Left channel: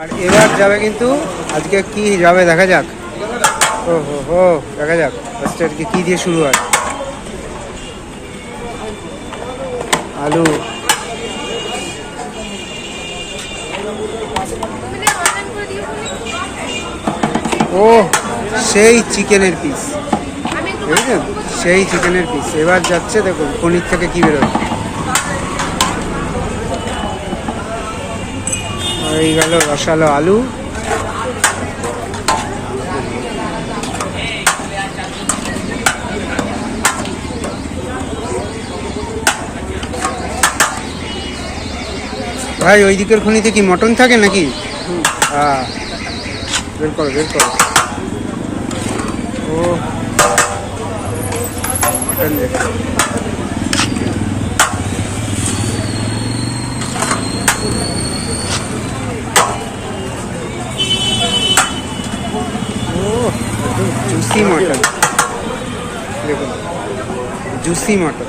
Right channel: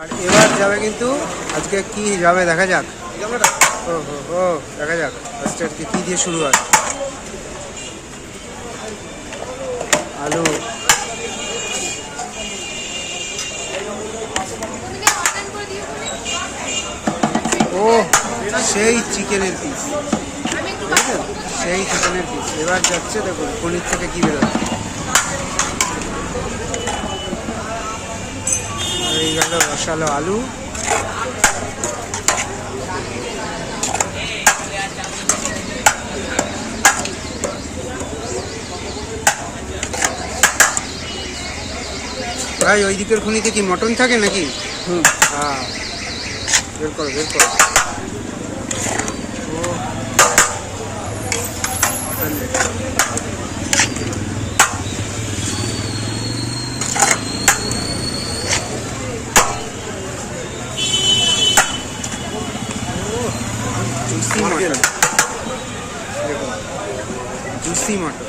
আর এবার যাবে কিন্তু আজকে কি যাবে দেখা যাক। ও হো হো, দেখা যাক আজকে আর কি দিয়ে শুরু হয়। আলু, ও সেই চিকেনের পিস, বুঝলেন, সেই চিকেনের পিস। এবার যাচ্ছে, দেখুন পনির থেকে কি বেরোবে। এই গেল রসালো আলু। ভাই ওই দিকের খনিতে কি মটন থাকে নাকি? হ্যাঁ, বের করো বের করো। ও মটন, জুসি মটন, দেখুন জুসি মটন।